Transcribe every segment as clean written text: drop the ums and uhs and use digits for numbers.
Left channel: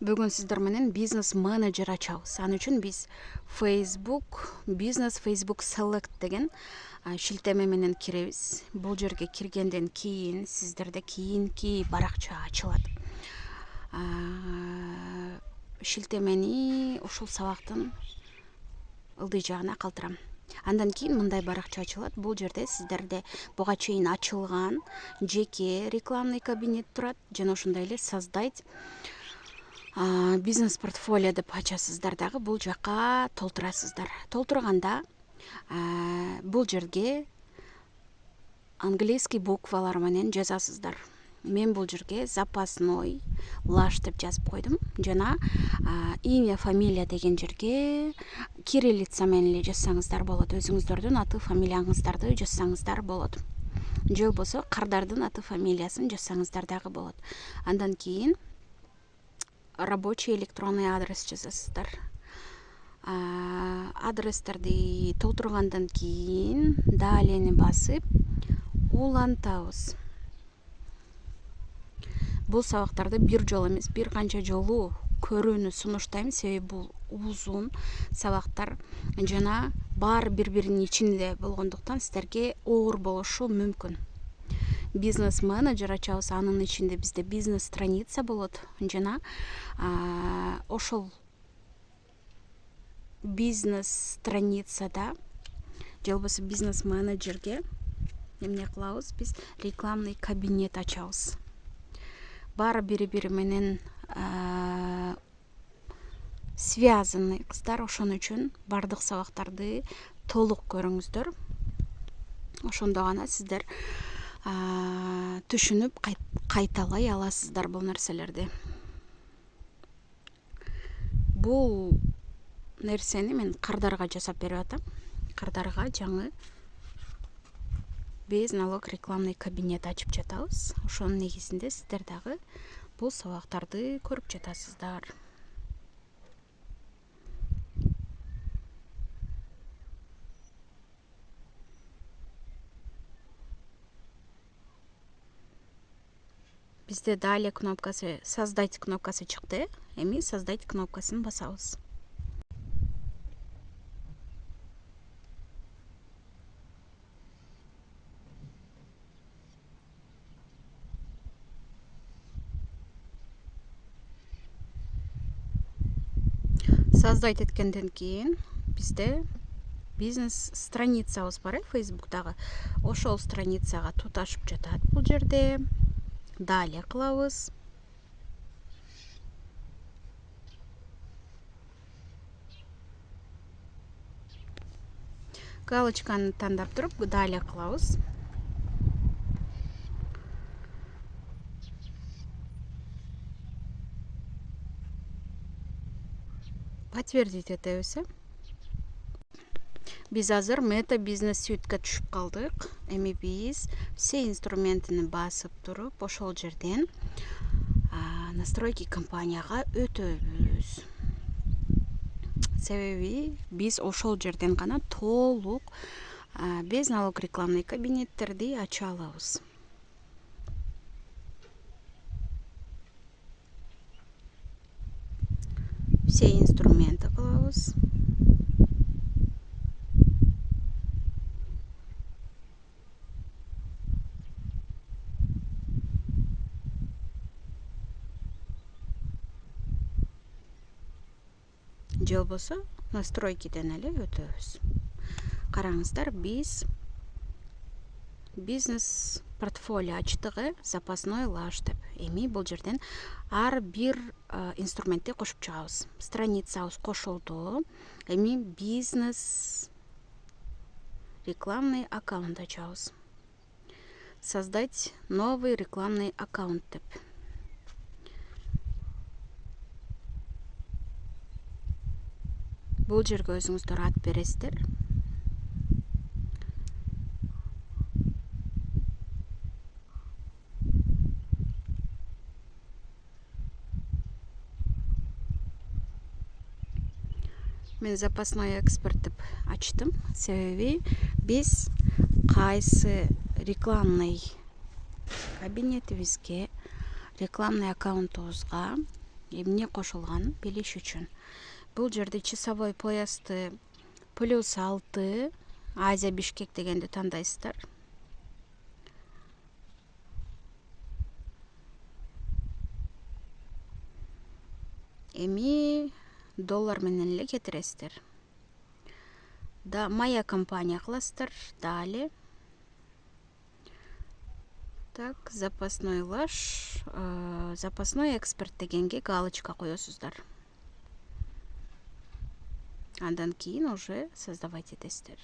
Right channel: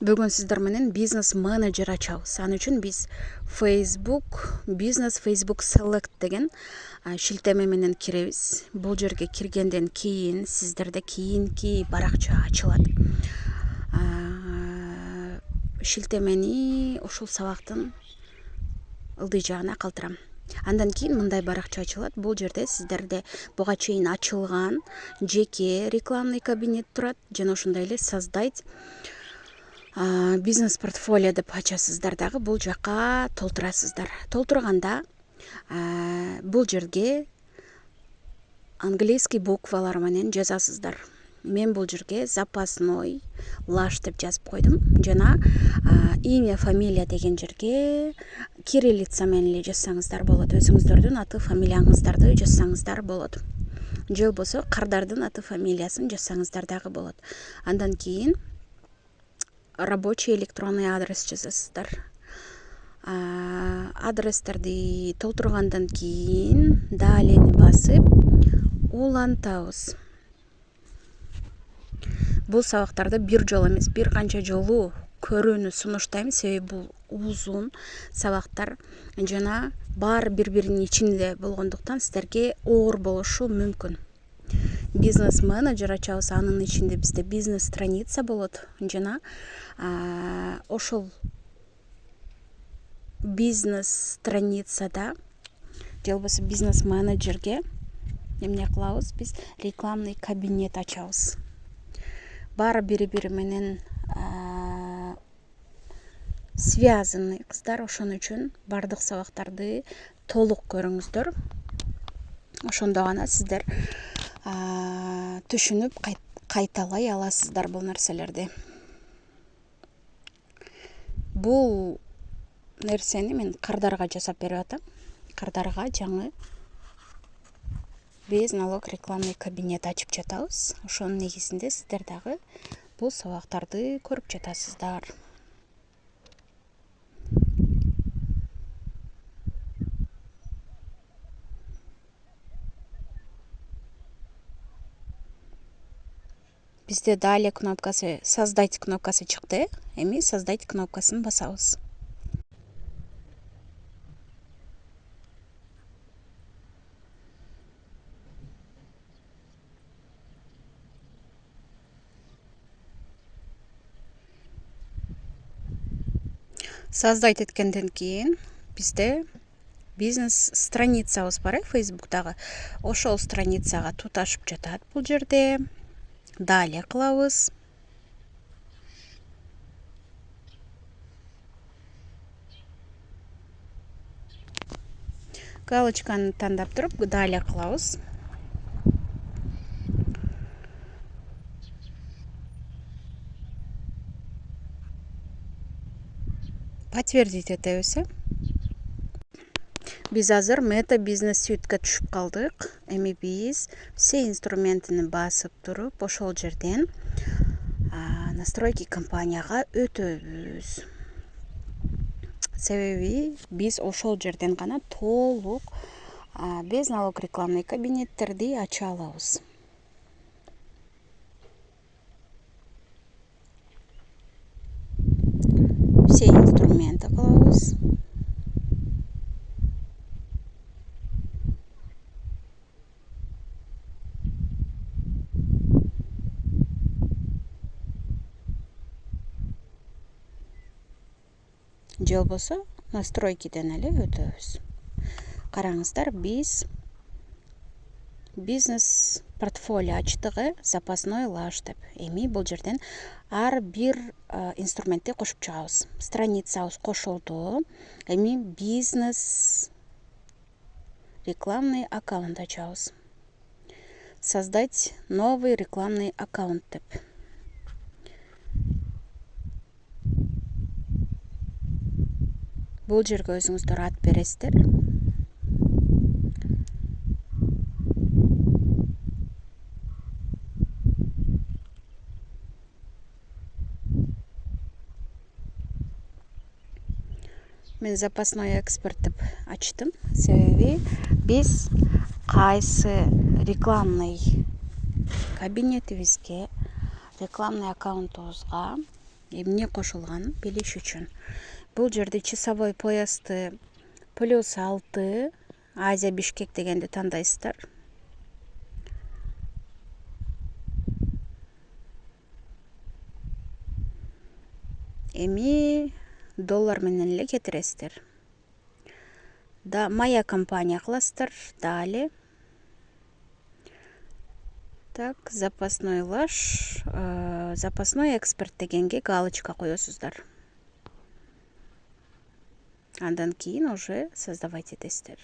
Бүгін сіздер менен бизнес менеджер ачабыз. Аны үчүн биз Facebook Select деген шилтеме менен киребиз. Бул жерге киргенден кийин сиздерде кийинки баракча ачылат. Шилтемени ушул сабактын ылдый жагына калтырам. Андан кийин мындай баракча ачылат. Бул жерде сиздерде буга чейин ачылган жеке рекламный кабинет турат жана ошондой эле создать бизнес портфолио деп ачасыздар дагы. Бул жакка толтурасыздар. Толтурганда бул жерге английский буквалар менен жазасыздар. Мен бул жерге запасной лаш деп жазып койдум. Жана имя, фамилия деген жерге кириллица менен эле жазсаңыздар болот. Өзүңүздөрдүн аты, фамилияңыздарды жазсаңыздар болот. Же болбосо кардардын аты, фамилиясын жазсаңыздар дагы болот. Андан кийин рабочий электронный адрес жазасыздар. Адрестерди толтургандан кийин далени басып улантабыз. Бул сабактарды бир жолу эмес, бир канча жолу көрүүнү сунуштайм, себеби бул узун сабактар жана баары бири-биринин ичинде болгондуктан сиздерге оор болушу мүмкүн. Бизнес менеджер ачабыз, анын ичинде бизде бизнес страница болот жана ошол бизнес страницада же болбосо бизнес менеджерге эмне кылабыз, биз рекламный кабинет ачабыз. Баары бири-бири менен связанный кыздар, ошон үчүн бардык сабактарды толук көрүңүздөр. Ошондо гана сиздер түшүнүп кайталай аласыздар бул нерселерди. Бул нерсени мен кардарга жасап берип атам. Кардарга жаңы без налог рекламный кабинет ачып жатабыз. Ошонун негизинде сиздер дагы бул сабактарды көрүп жатасыздар. Бизде далее кнопкасы, создать кнопкасы чыкты. Эми создать кнопкасын басабыз. Создать эткенден кийин бизде бизнес страницабыз бар, Facebook'тагы. Ошол страницага туташып жатат бул жерде. Далее кылабыз. Галочканы тандап туруп далее кылабыз. Подтвердить этебиз. Биз азыр мета бизнес сүйүткө түшүп калдык. Эми биз все инструментini басып туруп ошол жерден настройки компанияга өтөбүз. Себеби биз ошол жерден гана толук без налог рекламный кабинеттерди ача алабыз. Все инструменты кылабыз. Же болбосо настройкиден эле өтөбүз. Караңыздар, биз бизнес портфолио ачтыгы запасной лаш деп. Эми бул жерден ар бир инструментти кошуп чыгабыз. Страницабыз кошулду. Эми бизнес рекламный аккаунт ачабыз. Создать новый рекламный аккаунт деп. Бул жерге өзүңүздөр ат бересиздер. Мен запасной эксперт деп ачтым. Себеби биз кайсы рекламный кабинетибизге, рекламный аккаунтубузга эмне кошулганын билиш үчүн. Бул жерде часовой поясты +6 Азия Бишкек дегенди тандайсыздар. Эми доллар менен эле кетиресиздер. Да моя компания кыласыздар. Далее так, запасной лаш, запасной эксперт дегенге галочка коесуздар. Андан кийин уже создавать этесиздер.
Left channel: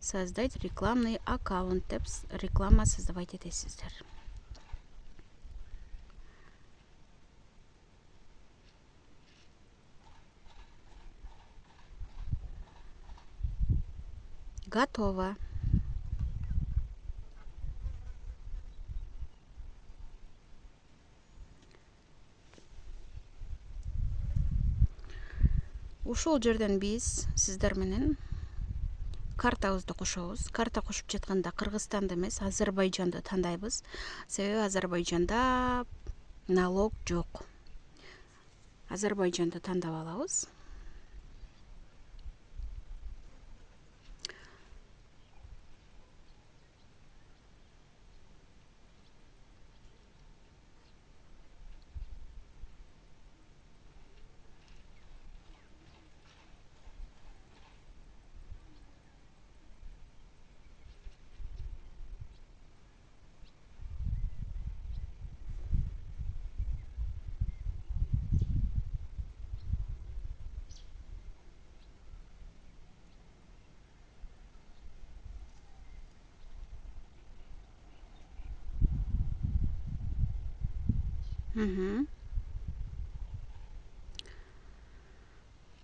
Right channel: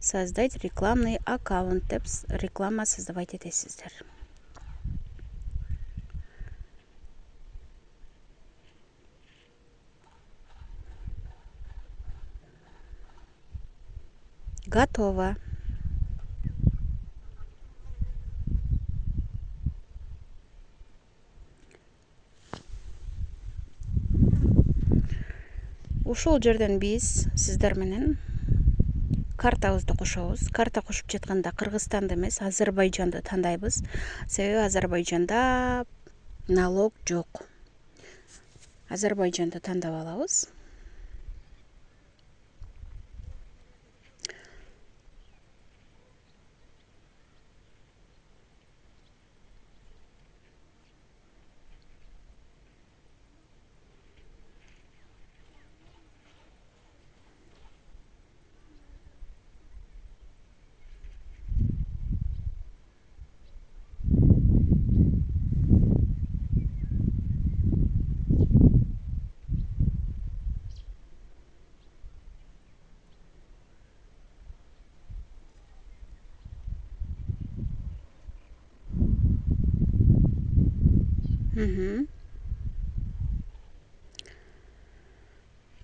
Создать рекламный аккаунт деп реклама создавать этесиздер. Готово. Ушул жерден биз сиздер менен картабызды кошобуз. Карта кошуп жатканда Кыргызстанды эмес, Азербайжанды тандайбыз. Себеби Азербайжанда налог жок. Азербайжанды тандап алабыз.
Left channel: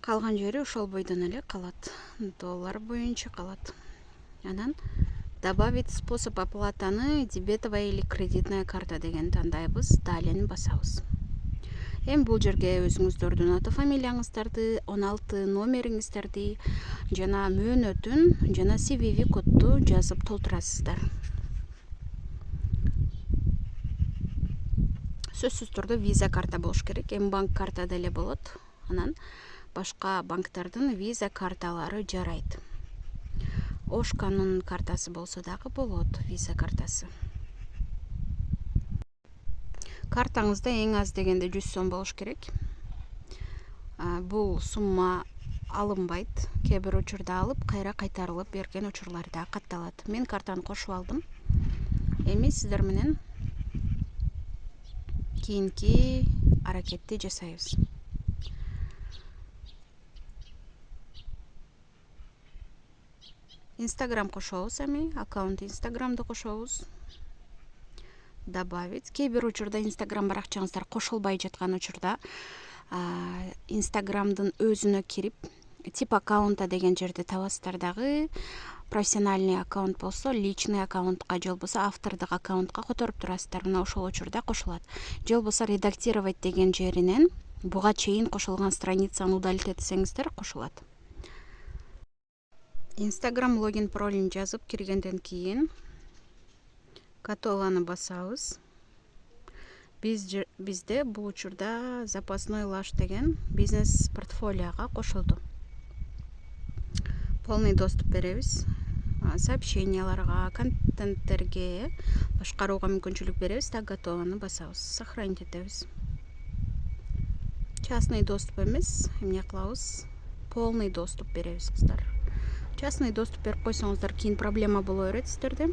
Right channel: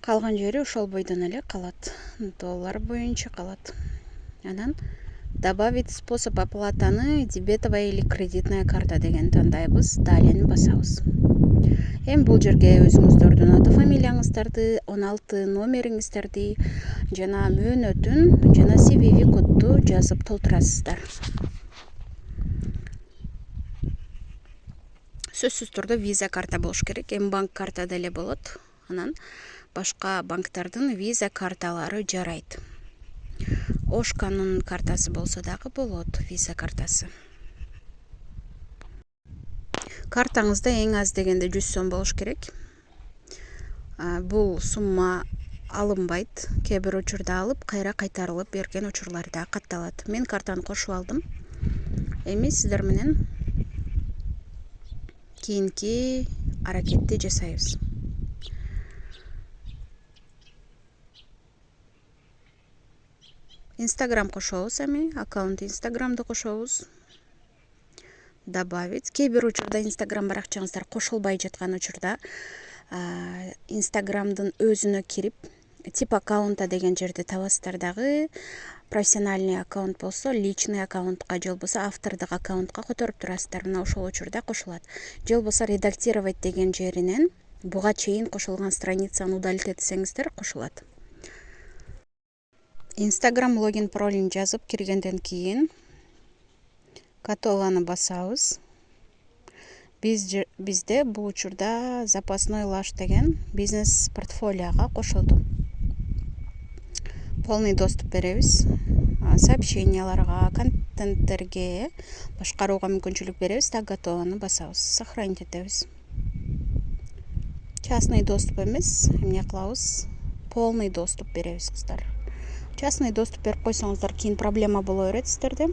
Калган жери ошол бойдон эле калат. Доллар боюнча калат. Анан добавить способ оплатаны дебетовая или кредитная карта деген тандайбыз. Далее басабыз. Эми бул жерге өзүңүздөрдүн аты фамилияңыздарды, 16 номериңиздерди жана мөөнөтүн жана CVV кодду жазып толтурасыздар. Сөзсүз түрдө виза карта болуш керек. Банк карта деле болот. Анан башка банктардын виза карталары жарайт. Ошканын картасы болсо дагы болот, виза картасы. Картаңызда эң аз дегенде 100 сом болуш керек. Бул сумма алынбайт. Кээ бир учурда алып, кайра кайтарылып берген учурлар да катталат. Мен картаны кошуп алдым. Эми сиздер менен кийинки аракетти жасайбыз. Инстаграм кошобуз эми, аккаунт Инстаграмды кошобуз. Добавить. Кээ бир учурда Инстаграм баракчаңыздар кошулбай жаткан учурда Инстаграмдын өзүнө кирип, тип аккаунта деген жерди табасыздар дагы. Профессиональный аккаунт болсо личный аккаунтка, же болбосо автордук аккаунтка которуп турасыздар. Мына ошол учурда кошулат. Же болбосо редактировать деген жеринен буга чейин кошулган страницаны удалить этсеңиздер кошулат. Инстаграм логин паролин жазып киргенден кийин готованы басабыз. Бизде бул учурда запасной лаш деген бизнес портфолиога кошулду. Полный доступ беребиз. Сообщенияларга, контенттерге башкарууга мүмкүнчүлүк беребиз. Так, готованы басабыз. Сохранить этебиз. Частный доступ эмес, эмне кылабыз? Полный доступ беребиз кыздар. Частный доступ берип койсоңуздар кийин проблема боло берет сиздерде.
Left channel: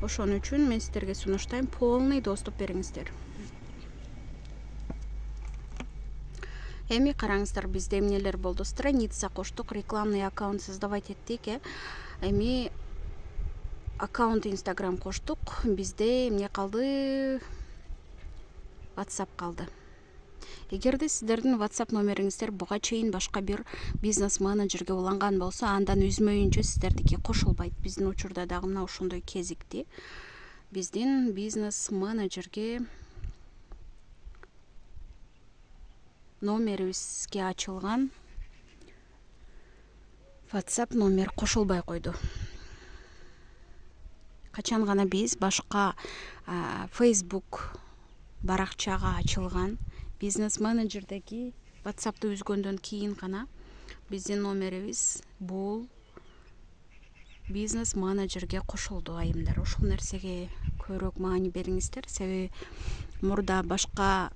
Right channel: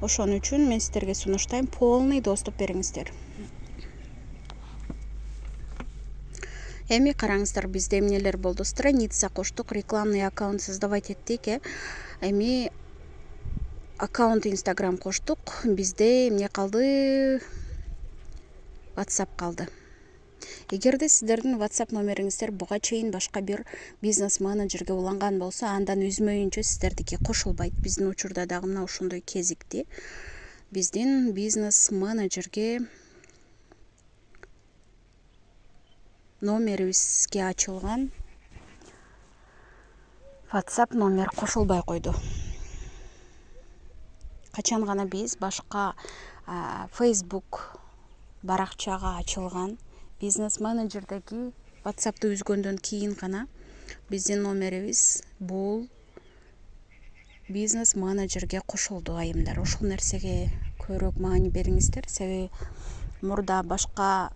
Ошон үчүн мен сиздерге сунуштайм, полный доступ бериңиздер. Эми караңыздар, бизде эмнелер болду? Страница коштук, рекламный аккаунт создавать эттик. Эми аккаунт Инстаграм коштук. Бизде эмне калды? WhatsApp калды. Эгерде сиздердин WhatsApp номериңиздер буга чейин башка бир бизнес менеджерге уланган болсо, андан үзмөйүнчө сиздердики кошулбайт. Биздин учурда дагы мына ошондой кезикти. Биздин бизнес менеджерге номерибизге ачылган WhatsApp номер кошулбай койду. Качан гана биз башка Facebook баракчага ачылган бизнес менеджердеги WhatsApp'ты үзгөндөн кийин гана биздин номерибиз бул бизнес менеджерге кошулду айымдар. Ошол нерсеге көбүрөөк маани бериңиздер. Себеби мурда башка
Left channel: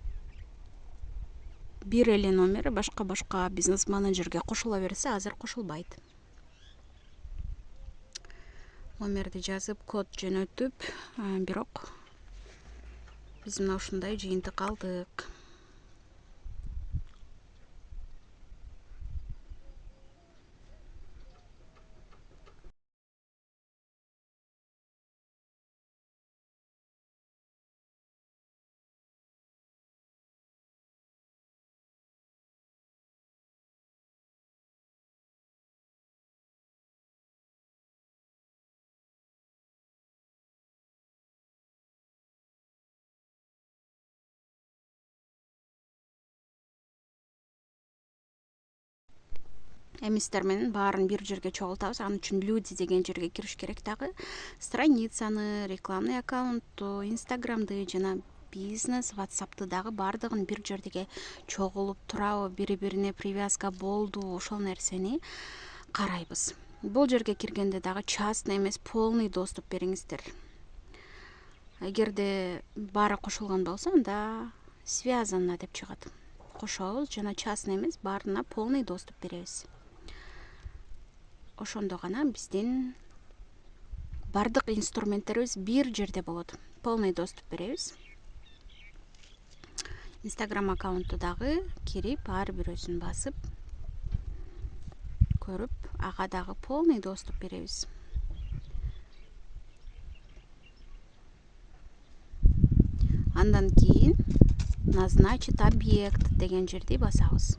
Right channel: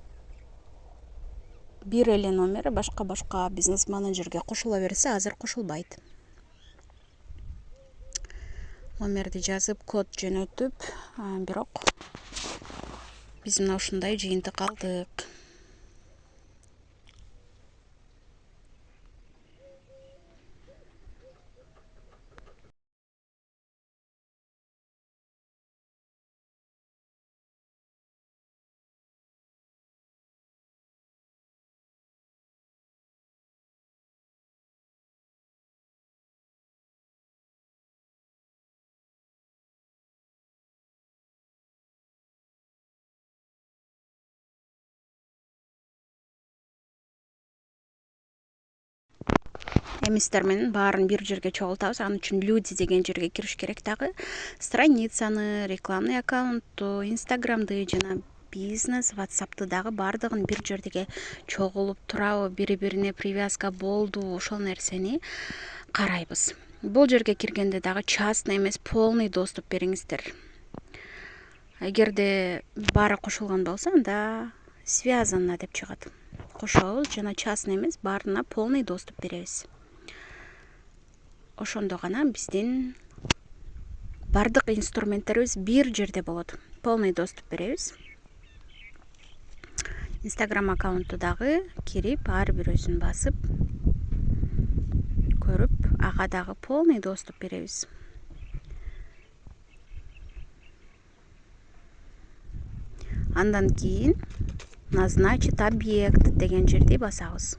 бир эле номер башка бизнес менеджерге кошула берсе, азыр кошулбайт. Номерди жазып, код жөнөтүп, бирок биз мына ушундай жыйынтык алдык. Эмистер менен баарын бир жерге чогултабыз. Ал үчүн люди деген жерге кириш керек. Дагы страницаны, рекламный аккаунтту, инстаграмды жана бизнес WhatsApp'ты дагы баардыгын бир жерге чогулуп турабы, бири-бирине привязка болду, ошол нерсени карайбыз. Бул жерге киргенде дагы частный эмес, полный доступ бериңиздер. Эгерде баары кошулган болсо, анда связано деп чыгат. Кошобуз жана частный эмес, баарына полный доступ беребиз. Ошондо гана биздин бардык инструменттерибиз бир жерде болот. Полный доступ беребиз. Инстаграм аккаунтту дагы кирип, ар бирөөсүн басып көрүп, ага дагы полный доступ беребиз. Андан кийин назначить объект деген жерди басабыз.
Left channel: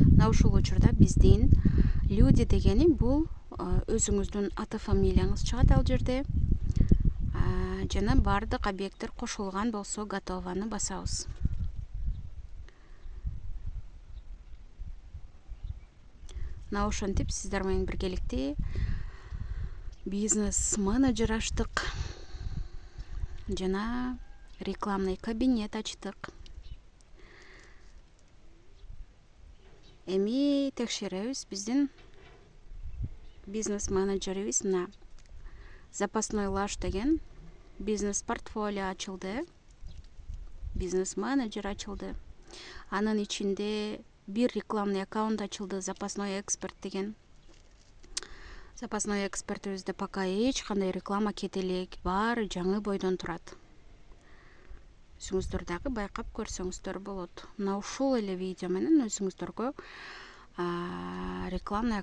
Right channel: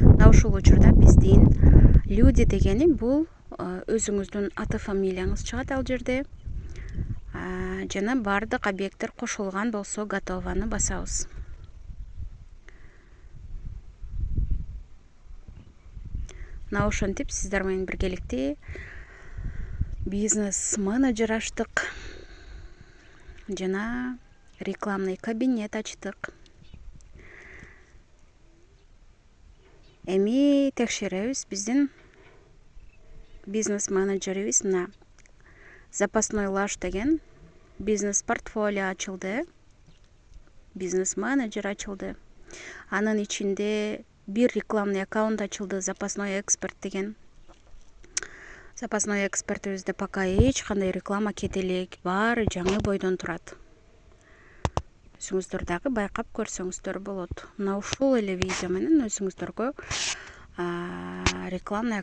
Мына ушул учурда биздин люди дегени бул өзүңүздүн аты фамилияңыз чыгат ал жерде. Жана бардык объекттер кошулган болсо готованы басабыз. Мына ошентип сиздер менен биргеликте бизнес менеджер ачтык жана рекламный кабинет ачтык. Эми текшеребиз. Биздин бизнес менеджерибиз мына запасной лаш деген бизнес портфолио ачылды. Бизнес менеджер ачылды. Анын ичинде бир рекламный аккаунт ачылды, запасной эксперт деген. Запасной экспертибизде пока эч кандай реклама кете элек, баары жаңы бойдон турат. Өзүңүздөр дагы байкап көрсөңүздөр болот. Мына ушул эле видео менен өзүңүздөргө рекламный